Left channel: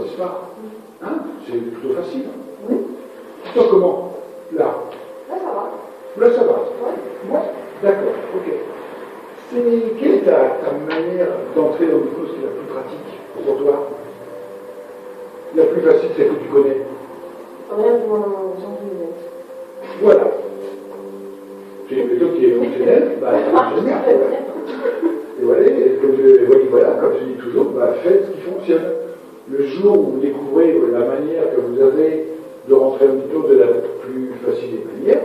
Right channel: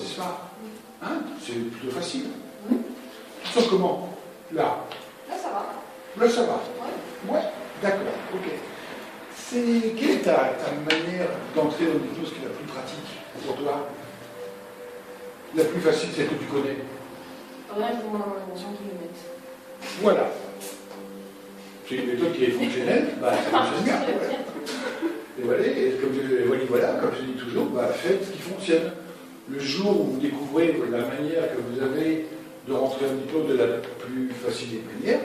ça. Hein? C'est plutôt facile. Oui. Tu sens comment? Là. Là, ça va. Là, ça va. Ouais. Ouais, d'accord, ok. Quelle est ta manière d'entrer dans l'hypnose qui est la plus pratique pour toi? La plus facile, celle que tu connais. Rien pour Jean Guillemette. Voilà. C'est une méthode qui est fonctionnelle, bah, ça fonctionne bien. Et voilà, comme je dis toujours, bah, faites ce qui fonctionne. Le jour où vous découvrez la manière que vous avez de rentrer en hypnose de la plus facile des manières,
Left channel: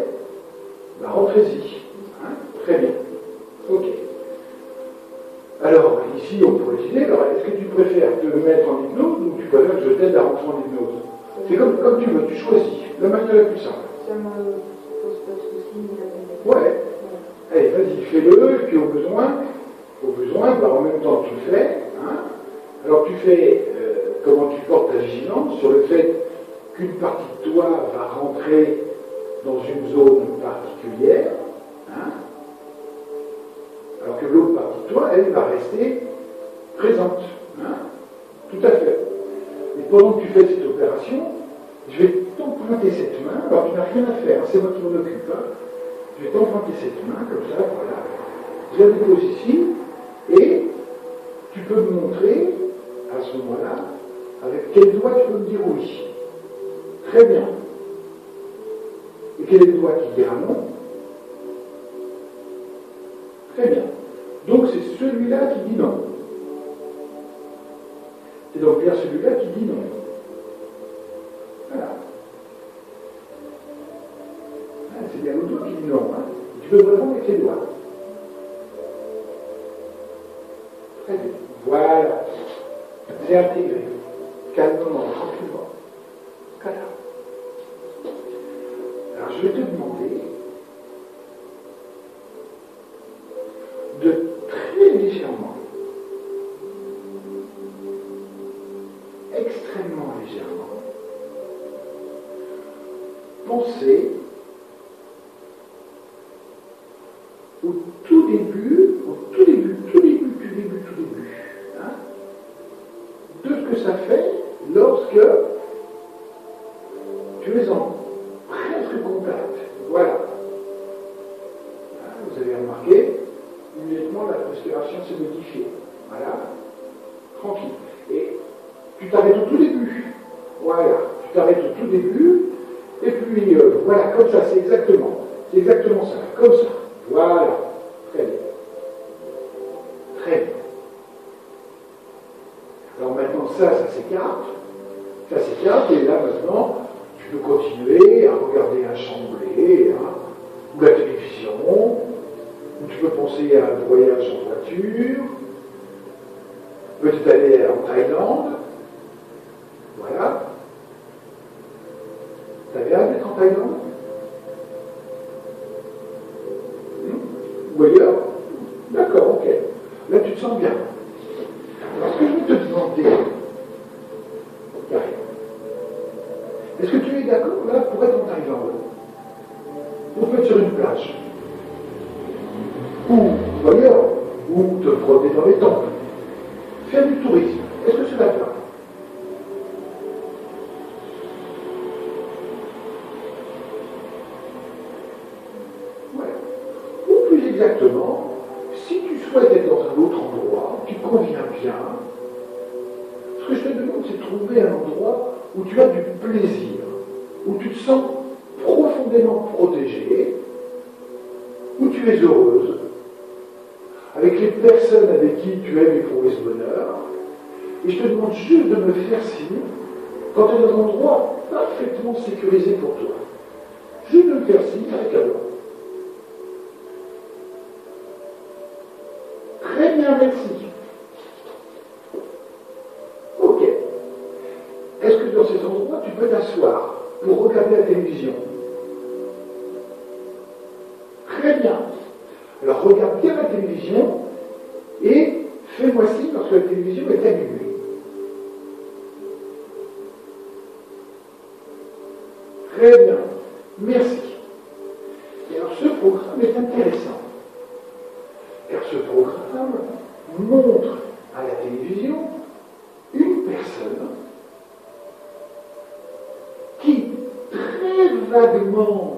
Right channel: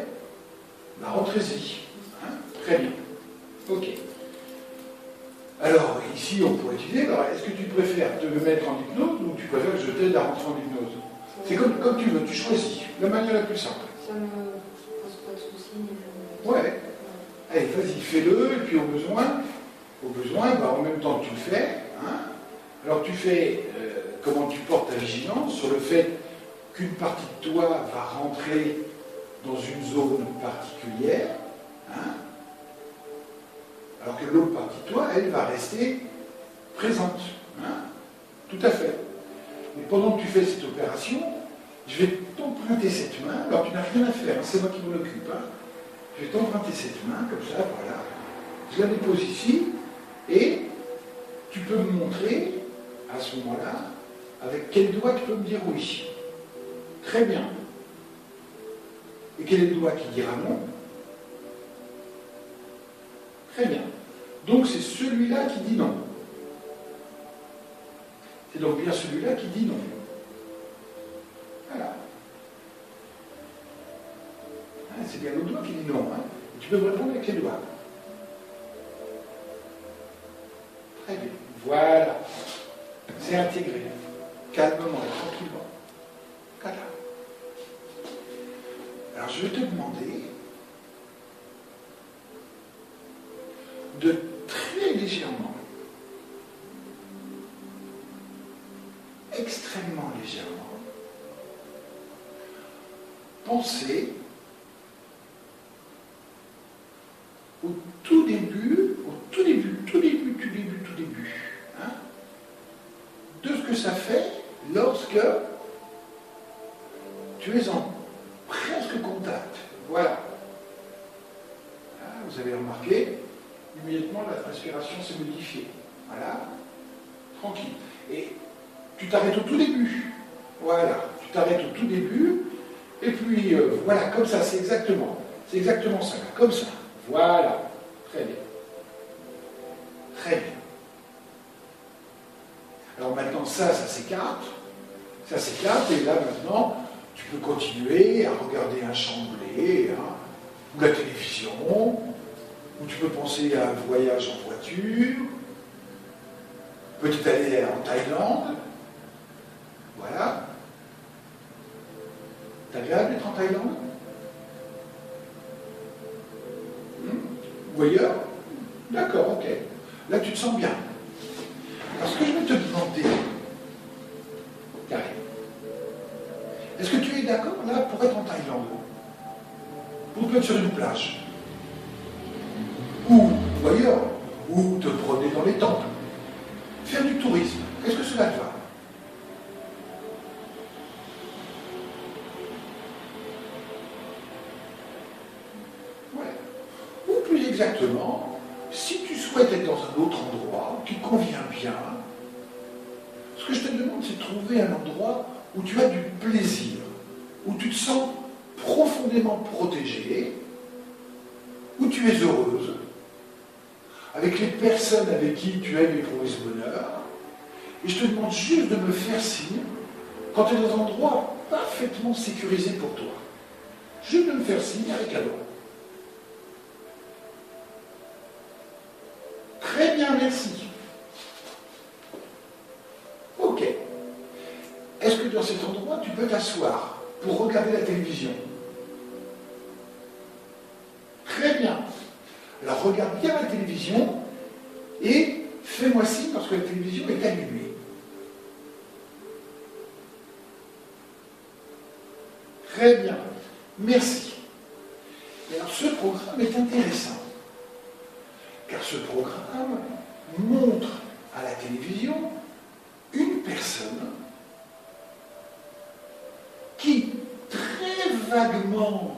bah, rentrez-y. Hein? Très bien. Ok. Alors, ici, on pourrait utiliser, alors, est-ce que tu préfères te mettre en hypnose ou tu préfères que je t'aide à rentrer en hypnose? C'est comme tu veux, tu choisis, la manière la plus simple. Ça me pose pas de soucis. Ouais. Allez, vas-y, fais-le, et puis au besoin, bah, en même temps, tu le fais. Hein? Alors, tu fais comment tu portes ta vigilance sur le fait qu'une partie de toi va rentrer dans une zone particulière, hein? Alors que l'autre partie de toi, elle, va rester présente. Hein? Tout à fait. Mais pendant que tu fais cette opération, je vais t'emprunter cette main, alors tu n'as rien à faire, c'est moi qui m'en occupe. Hein? Je vais t'emprunter cette main, comme ça, voilà. Je la dépose ici, et tu peux me montrer, à ce moment-là, avec quel doigt tu peux me dire oui. Très bien. Et quel est le doigt qui dira non? Très bien. Donc c'est celui-là qui dit non. C'est donc bien celui-là qui dit non. Voilà. Ah, c'est bien le doigt qui dit non. Hein. Tu peux me répondre avec les doigts. Très bien. Voilà. C'est intégré. Calmement, tranquillement. Voilà. Alors je vais te demander de très légèrement, extrêmement légèrement, penser au tout début, hein, de ce que ça fait lorsque tu es en presque contact. Voilà. Vous avez remarqué, immédiatement la respiration s'est modifiée. Voilà. Tranquille. Et tu t'arrêtes au tout début. Voilà. Tu t'arrêtes au tout début. Et puis, voilà, comme ça, c'est exactement ça. Comme ça. Voilà. Très bien. Très bien. Alors maintenant, ça s'écarte. Ça s'écarte. Et là, maintenant, tu peux continuer à regarder un chambré, hein, ou la télévision, ou tu peux penser à un voyage en voiture, peut-être aller en Thaïlande. Voilà. C'est agréable d'être en Thaïlande? Ou ailleurs? D'accord, ok. Là, tu te sens bien. Alors, ce que je vais te demander, Karine, est-ce que tu es d'accord là pour être en Thaïlande? Pour te mettre sur une plage? Ou ailleurs? Ou te promener dans les temples? Faire du tourisme? Est-ce que cela te va? Ouais. Ou plus exactement, si tu souhaites être dans un autre endroit qui te convient bien, ce que je te demande, c'est de trouver un endroit où tu as du plaisir, où tu te sens profondément protégé, où tu es heureuse, avec les personnes avec qui tu aimes éprouver ce bonheur, et je te demande juste de me faire signe quand tu es dans un endroit parfaitement sécurisé pour toi. Juste de me faire signe avec la doigt. Très bien, merci. Ok. Est-ce que dans cet endroit, tu peux t'asseoir pour regarder la télévision? Très bien. Alors regarde bien la télévision et fais-moi signe lorsque la télévision est allumée. Très bien. Merci. Et alors ce programme est intéressant, car ce programme montre à la télévision une personne vaguement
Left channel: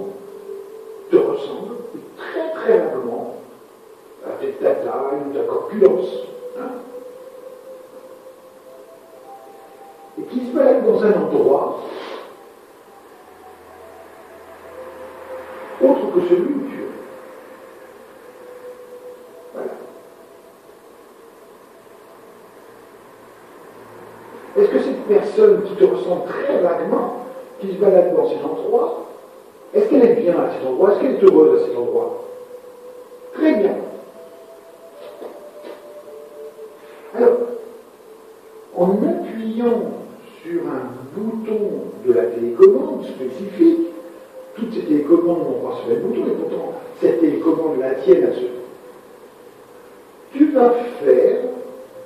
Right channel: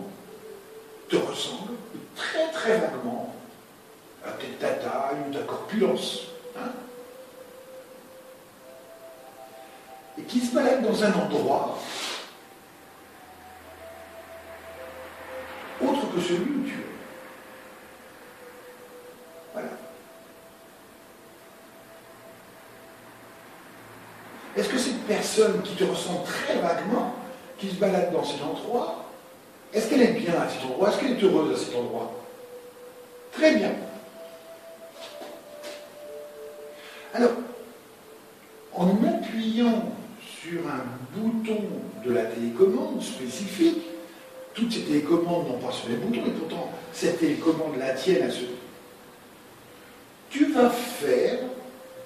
te ressemble, très très vaguement, peut-être ta taille ou ta corpulence, hein, et qui se balade dans un endroit autre que celui où tu es. Voilà. Est-ce que cette personne qui te ressemble très vaguement, qui se balade dans cet endroit, est-ce qu'elle est bien à cet endroit? Est-ce qu'elle est heureuse à cet endroit? Très bien. Alors, en appuyant sur un bouton de la télécommande spécifique, toutes ces télécommandes n'ont pas ce même bouton, et pourtant cette télécommande la tienne à ce. Tu vas faire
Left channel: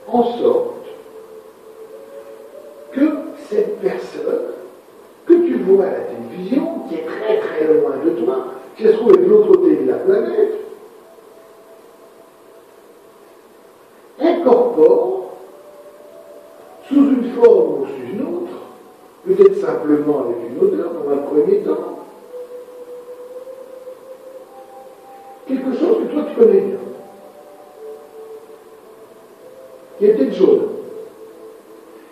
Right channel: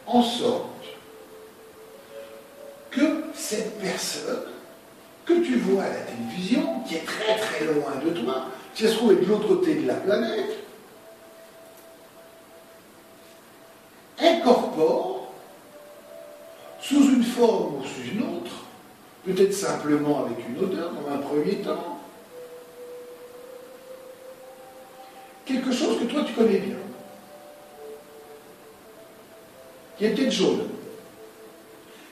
en sorte que cette personne que tu vois à la télévision, qui est très très loin de toi, qui se trouve de l'autre côté de la planète, incorpore, sous une forme ou sous une autre, peut-être simplement avec une odeur dans un premier temps, quelque chose que toi tu connais bien, qui est peut-être jaune,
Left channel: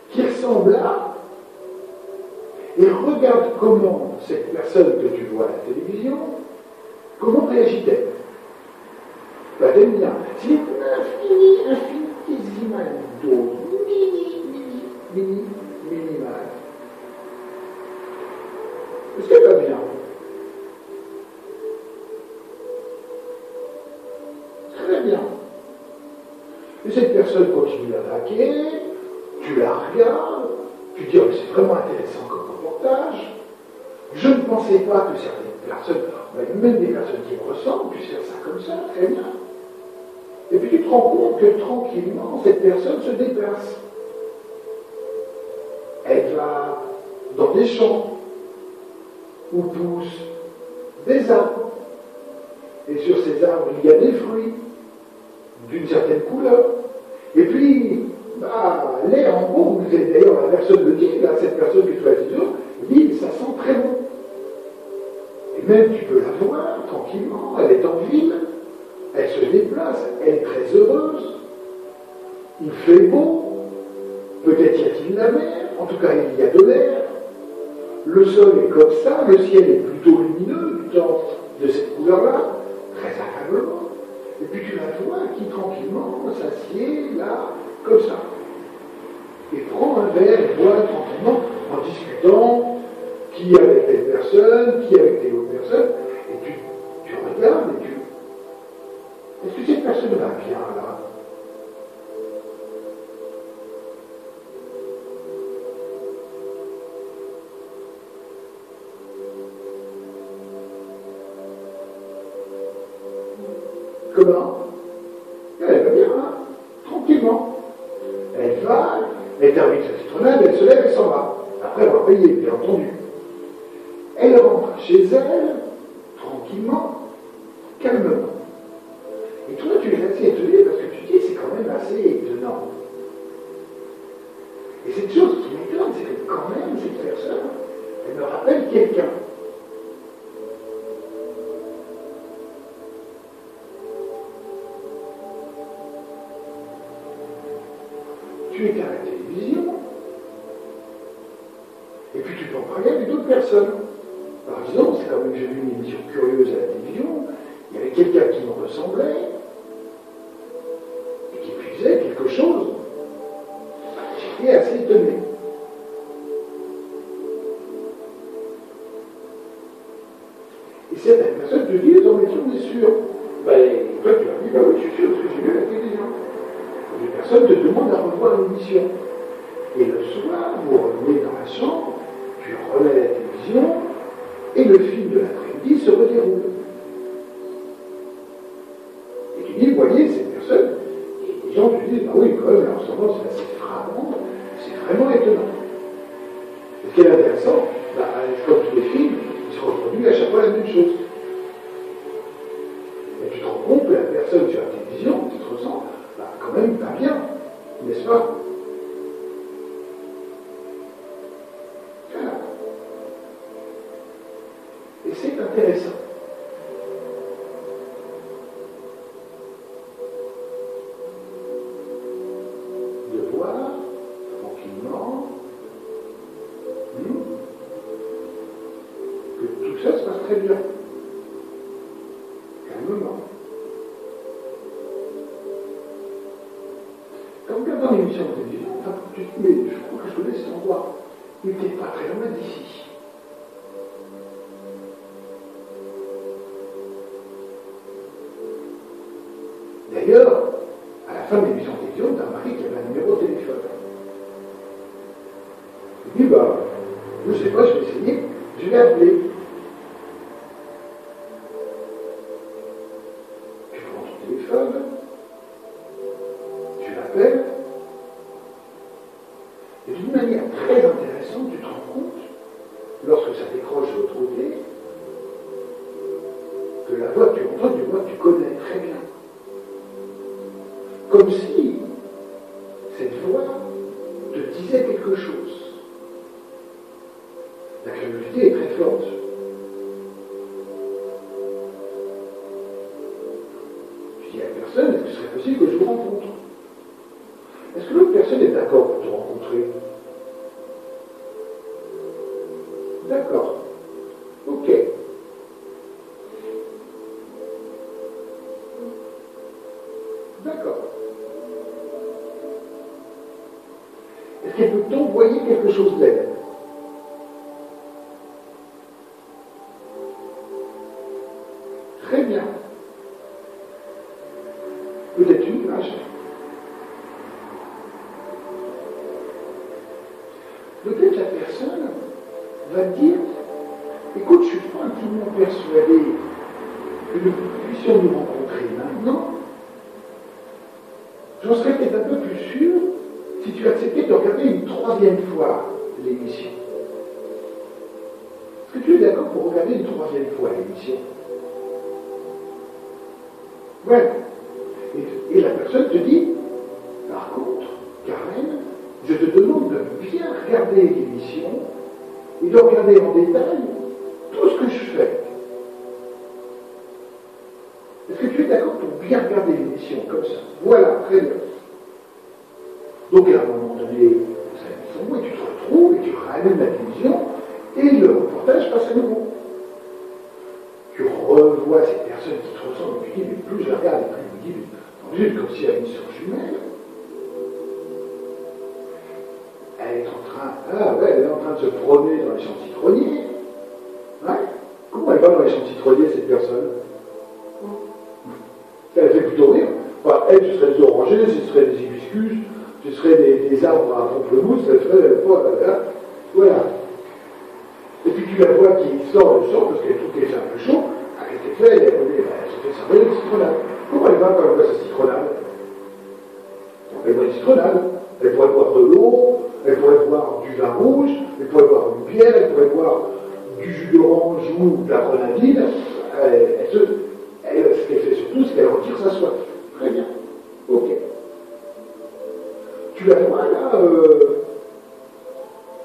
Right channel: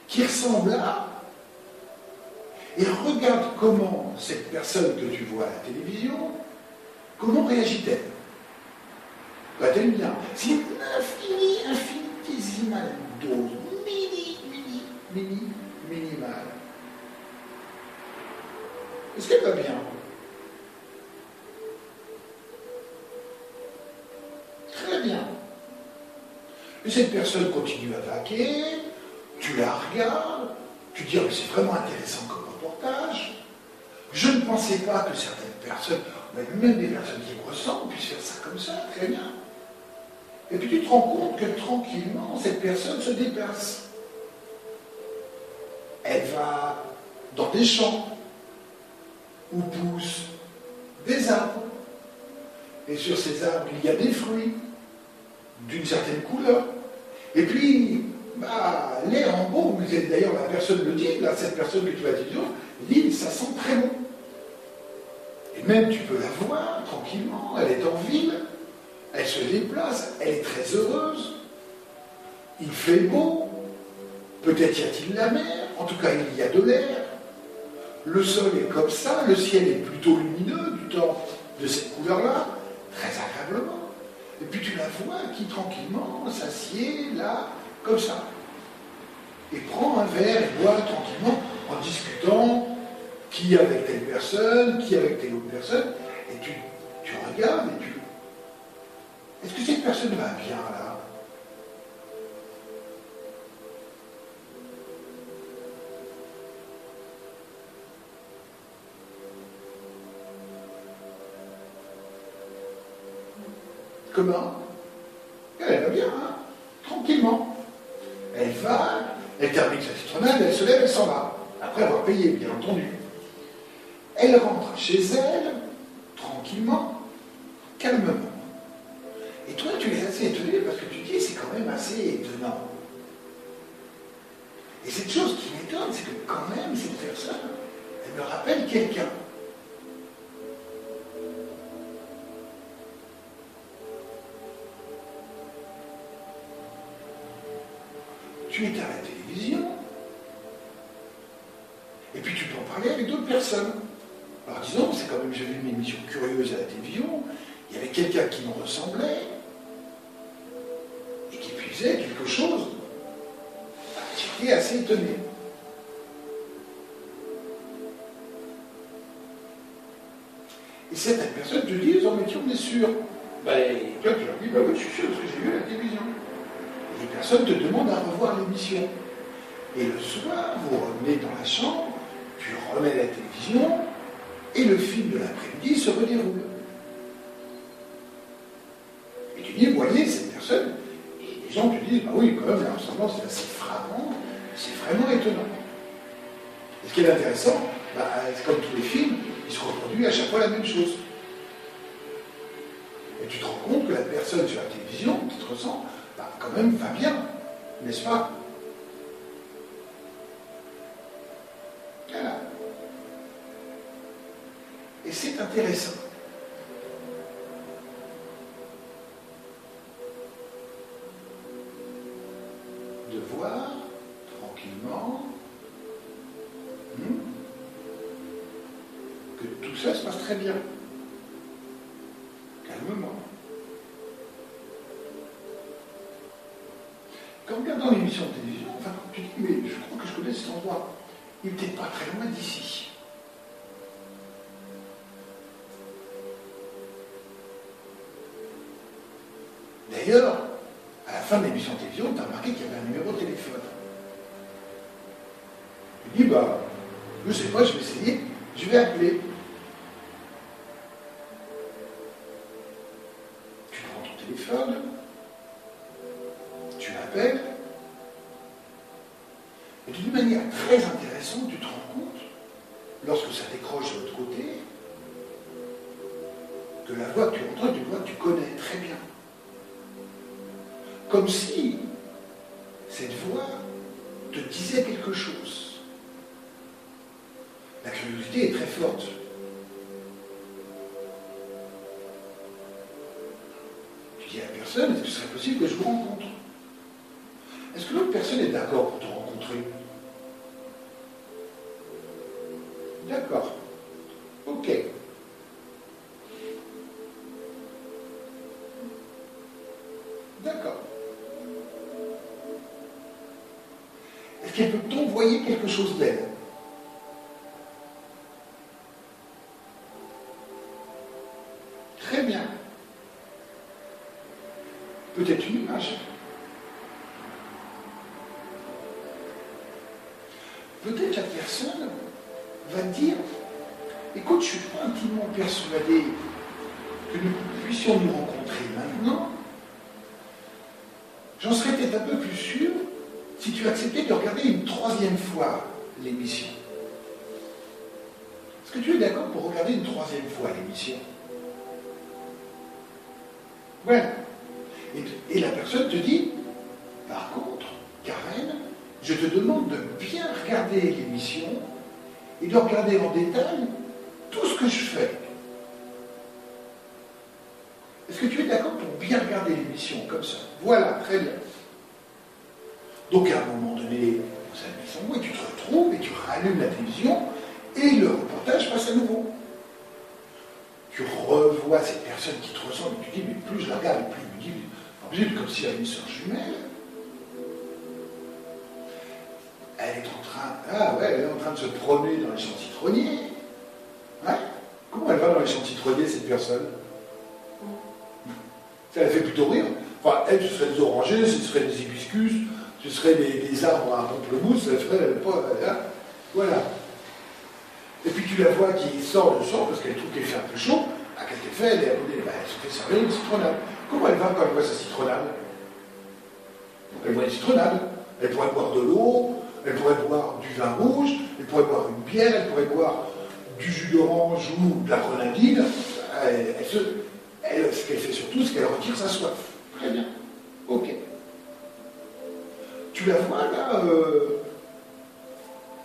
qui ressemble à, et regarde comment cette personne que tu vois à la télévision, comment réagit-elle? Va-t-elle bien? C'est une infinitésimale dose, minimale. Est-ce qu'elle va bien? Très bien. Et cette personne continue à vaquer, tu la regardes, tu dis, oh, c'est vraiment intéressant comme reportage. Je ne pensais pas que certaines personnes, même des personnes qui me ressemblent, puissent faire ça comme ça, très bien. Et puis tu te rends compte que tranquillement, cette personne se déplace. Elle va dans des champs où poussent des arbres. Et sur ces arbres, il y a des fruits d'une certaine couleur. Et puis, l'air en beau, d'ailleurs la personne le dit, là, cette personne que tu vas dire, dit, ça sent très bon. Et même tu peux la voir tranquillement, elle est en ville, elle se déplace, elle est très heureuse, il fait beau, peut-être y a-t-il la mer, en tout cas il y a de l'air, le sol est comme ça, le ciel est plutôt lumineux du temps de cette couleur-là, très agréablement. Et puis tu la vois qui tranquillement s'assied là, comme ça. Et prend un verre et boit tranquillement en discutant qui avec telle personne, qui avec telle autre personne. Et tu regardes et tu. Est-ce que cette personne va bien là? Comment? Elle va bien, hein? Tranquillement. Elle va, elle termine sa citronnade, elle se lève, elle s'en va. Après avoir payé, bien entendu. Elle rentre chez elle, tranquillement, calmement. Et toi, tu es assez étonné parce que tu dis, c'est quand même assez étonnant. Et cette chose qui m'étonne, c'est que quand même, cette personne, elle me rappelle quelqu'un. Tu étais à la télévision, et puis tu peux en parler avec d'autres personnes. Par exemple, c'est quand même, j'ai vu une émission curieuse à la télévision, il y avait quelqu'un qui me ressemblait, et qui puisait quelque chose. J'étais assez étonné. Et cette personne te dit, oh, mais tu en es sûr? Toi, tu leur dis, oui, je suis sûr, parce que j'ai vu à la télévision. Et personne te demande à revoir l'émission. Et le soir, vous revenez dans la chambre, tu remets la télévision, et le film de l'après-midi se redéroule. Et tu dis, voyez, cette personne, et les gens te disent, oui, quand même, la ressemblance est assez frappante, c'est vraiment étonnant. Et ce qui est intéressant, comme tous les films, ils se reproduisent à chaque fois la même chose. Et tu te rends compte que la personne sur la télévision qui te ressemble, quand même va bien, n'est-ce pas? Voilà. Et c'est intéressant. De voir, tranquillement, que tout ça se passe très bien. Calmement. Quand regardant l'émission de télévision, enfin, tu dis, mais je crois que je connais cet endroit. Il n'était pas très loin d'ici. D'ailleurs, à la fin de l'émission de télévision, tu as remarqué qu'il y avait un numéro de téléphone. Je dis, bah, je ne sais pas, je vais essayer, je vais appeler. Tu prends ton téléphone, tu l'appelles, et d'une manière très intéressante, tu te rends compte, lorsque ça décroche de l'autre côté, que la voix que tu entends, du voix que tu connais très bien. Comme si cette voix te disait quelque chose. La curiosité est très forte. Tu dis à la personne, est-ce que ce serait possible que je vous rencontre? Est-ce que l'autre personne est d'accord pour te rencontrer? D'accord. Ok. D'accord. Est-ce qu'elle peut t'envoyer quelque chose d'elle? Très bien. Peut-être une image. Peut-être la personne va dire, écoute, je ne suis pas intimement persuadé que nous puissions nous rencontrer maintenant. J'en serais peut-être un peu plus sûr si tu acceptais de regarder une troisième fois l'émission. Est-ce que tu es d'accord pour regarder une troisième fois l'émission? Voilà. Et la personne te dit, par contre, Karen, je te demande de bien regarder l'émission et de regarder en détail tout ce que je fais. Est-ce que tu es d'accord pour bien regarder l'émission comme ça? Voilà, très bien. Donc à un moment donné, vous avez mis son mot et tu te retrouves et tu rallumes la télévision et le reportage passe à nouveau. Tu revois cette personne qui te ressemble et tu dis, mais plus je la regarde, plus je me dis, mais comme si elle avait une sœur jumelle. Elle est en train, elle est en train de se promener dans les champs citronniers. Ouais. Comment elle va dans les champs citronniers, cette personne? Ça la fait plutôt rire. Enfin, elle, ce serait des orangers, ce serait des hibiscus, ce serait des arbres à pamplemousse, ça ferait pas. Voilà. Et puis tu la vois qui sort le champ parce qu'elle trouve qu'il fait un peu chaud. Qu'est-ce qu'elle fait? Elle se fait servir une citronnade. Comment elle va quand elle voit sa citronnade? Elle voit une citronnade. Elle pourrait boire de l'eau, elle pourrait boire du vin rouge, elle pourrait boire une bière, elle pourrait boire du jus d'orange ou de la grenadine. Ce qu'elle fait surtout, c'est qu'elle retire sa soif. Très bien. Ok. Tu la vois là,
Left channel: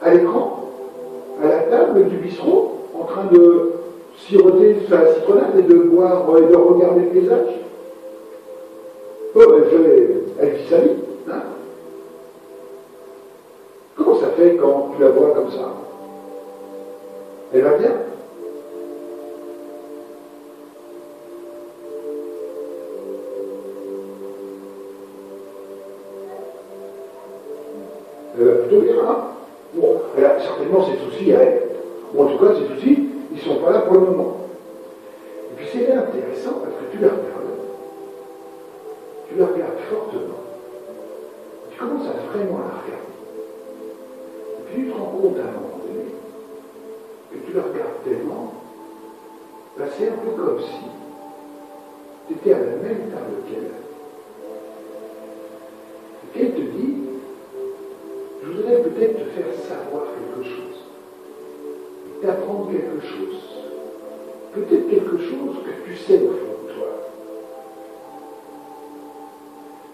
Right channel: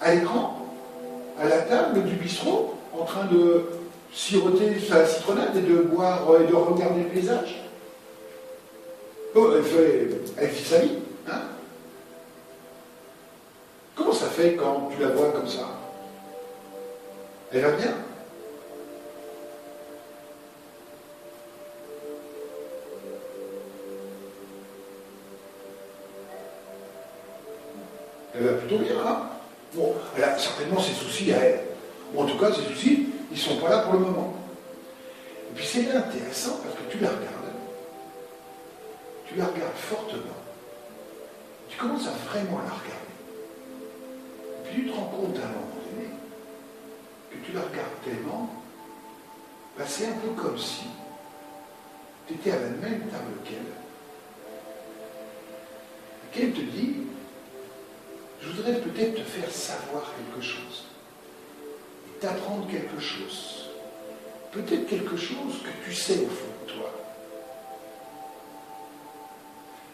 à l'écran, à la table du bistrot, en train de siroter sa citronnade et de boire et de regarder le paysage. Bon, elle vit sa vie. Hein? Comment ça fait quand tu la vois comme ça? Elle va bien? Elle va plutôt bien, hein? Bon, elle a certainement ses soucis à elle. Ou en tout cas, ses soucis, ils ne sont pas là pour le moment. Et puis c'est là intéressant parce que tu la regardes fortement. Tu commences à vraiment la regarder. Et puis tu te rends compte à un moment donné que tu la regardes tellement, ben c'est un peu comme si tu étais à la même table qu'elle. Et qu'elle te dit, je voudrais peut-être te faire savoir quelque chose, et t'apprendre quelque chose, peut-être quelque chose que tu sais au fond de toi.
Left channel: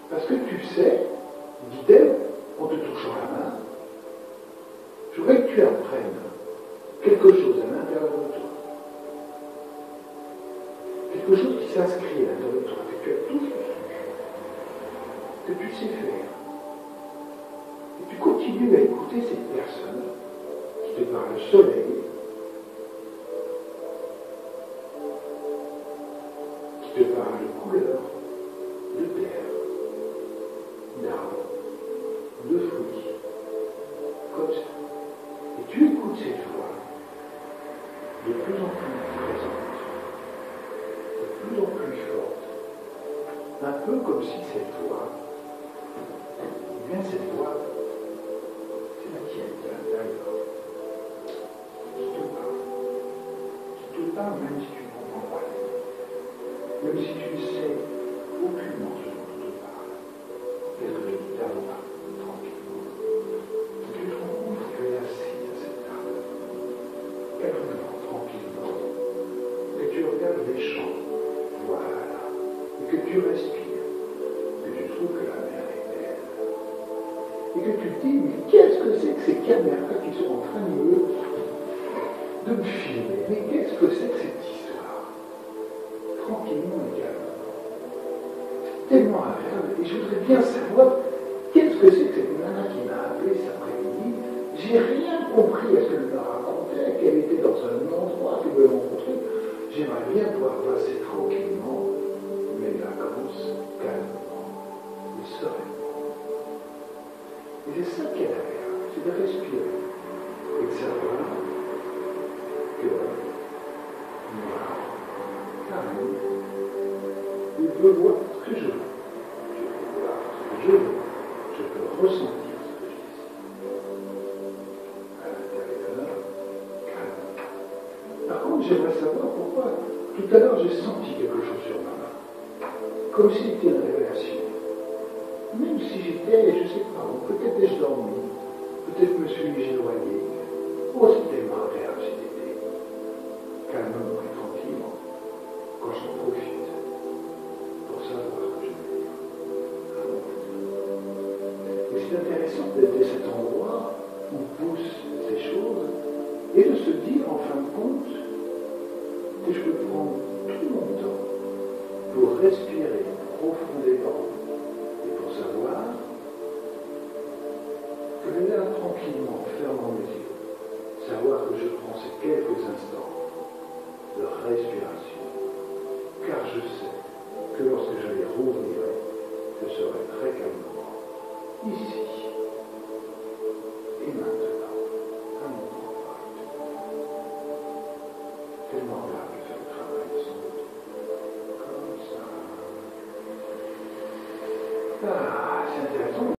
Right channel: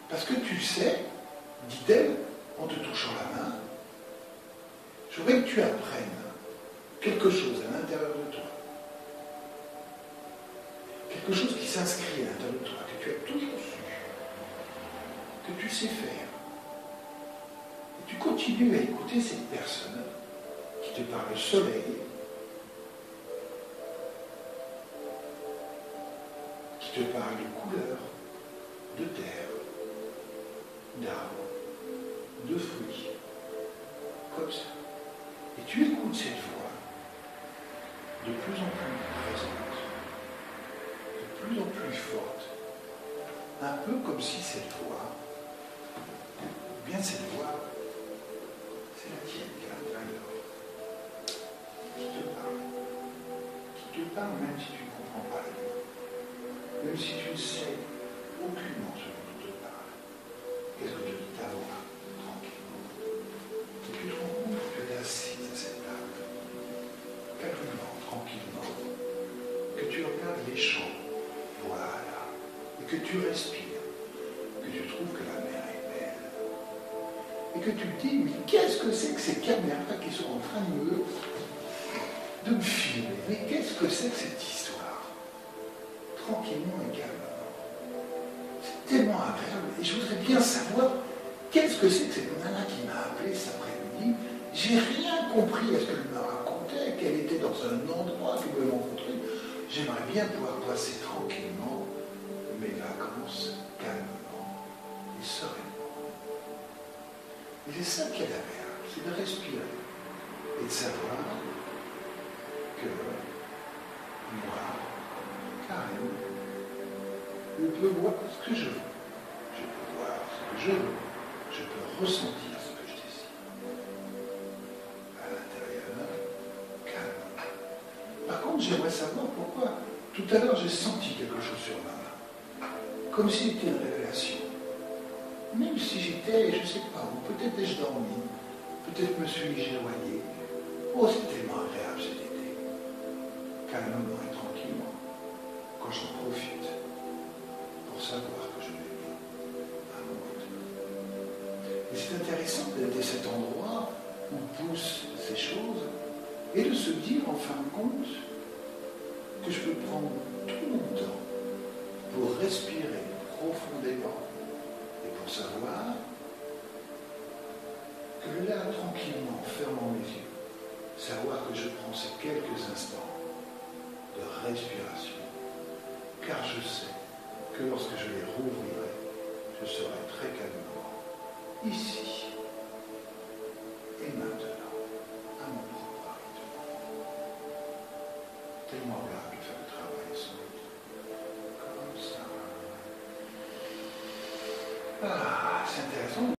Parce que tu sais, dit-elle, en te touchant la main, je voudrais que tu apprennes quelque chose à l'intérieur de toi. quelque chose qui s'inscrit à l'intérieur de toi, que tu as toujours su, que tu sais faire. Et tu continues à écouter cette personne qui te parle de soleil, qui te parle de couleurs, de terre, d'arbres, de fruits, comme ça. Et tu écoutes cette voix de plus en plus présente, de plus en plus forte, un peu comme si cette voix, eh bien cette voix, c'est la tienne qui est à l'intérieur, qui te parle même si tu ne comprends pas, même si tu ne sais aucunement ce dont on te parle. Qu'est-ce que tu dis ta voix, tranquillement, et tu te rends compte que tu es assise à cette table, calmement, tranquillement, que tu regardes les champs, voilà, et que tu respires, que tu trouves que la mer est belle, et que tu te dis, mais qu'est-ce que c'est que ces caméras qui sont en train de me filmer? Mais qu'est-ce que c'est que cette histoire? Tranquillement et calmement. C'est tellement agréable, et je voudrais bien savoir qu'est-ce que c'est que cette nana qui m'a appelé cet après-midi. J'ai rien compris à ce qu'elle me racontait, qu'elle était dans un endroit qu'elle me rencontrer. J'aimerais bien pouvoir passer tranquillement mes vacances calmement et sereinement. Et c'est ça qui est agréable, c'est de respirer et de savoir que moi, carrément, je peux voir ce que je veux. Je peux voir ce que je veux. Je peux ressentir ce que je désire. À l'intérieur, calme. Par contre, j'aimerais savoir pourquoi tout à l'heure j'ai senti quelque chose sur ma main. Comme si c'était une révélation. Même si j'étais, je ne sais pas où, peut-être ai-je dormi, peut-être me suis-je éloigné. Oh, c'est tellement agréable cet été. Calmement et tranquillement, quand j'en profite, pour savoir que je vais bien à mon côté. Et c'est intéressant d'être à cet endroit où poussent ces choses et de se dire en fin de compte que je peux prendre tout mon temps pour respirer profondément et pour savoir que là, tranquillement, en fermant mes yeux, savoir que je prends ces quelques instants de respiration, car je sais que lorsque je les rouvrirai, je serai très calmement ici et maintenant, à mon propre rythme. Tellement agréable de faire le travail sans doute. Comme ça. Ah, c'est intéressant.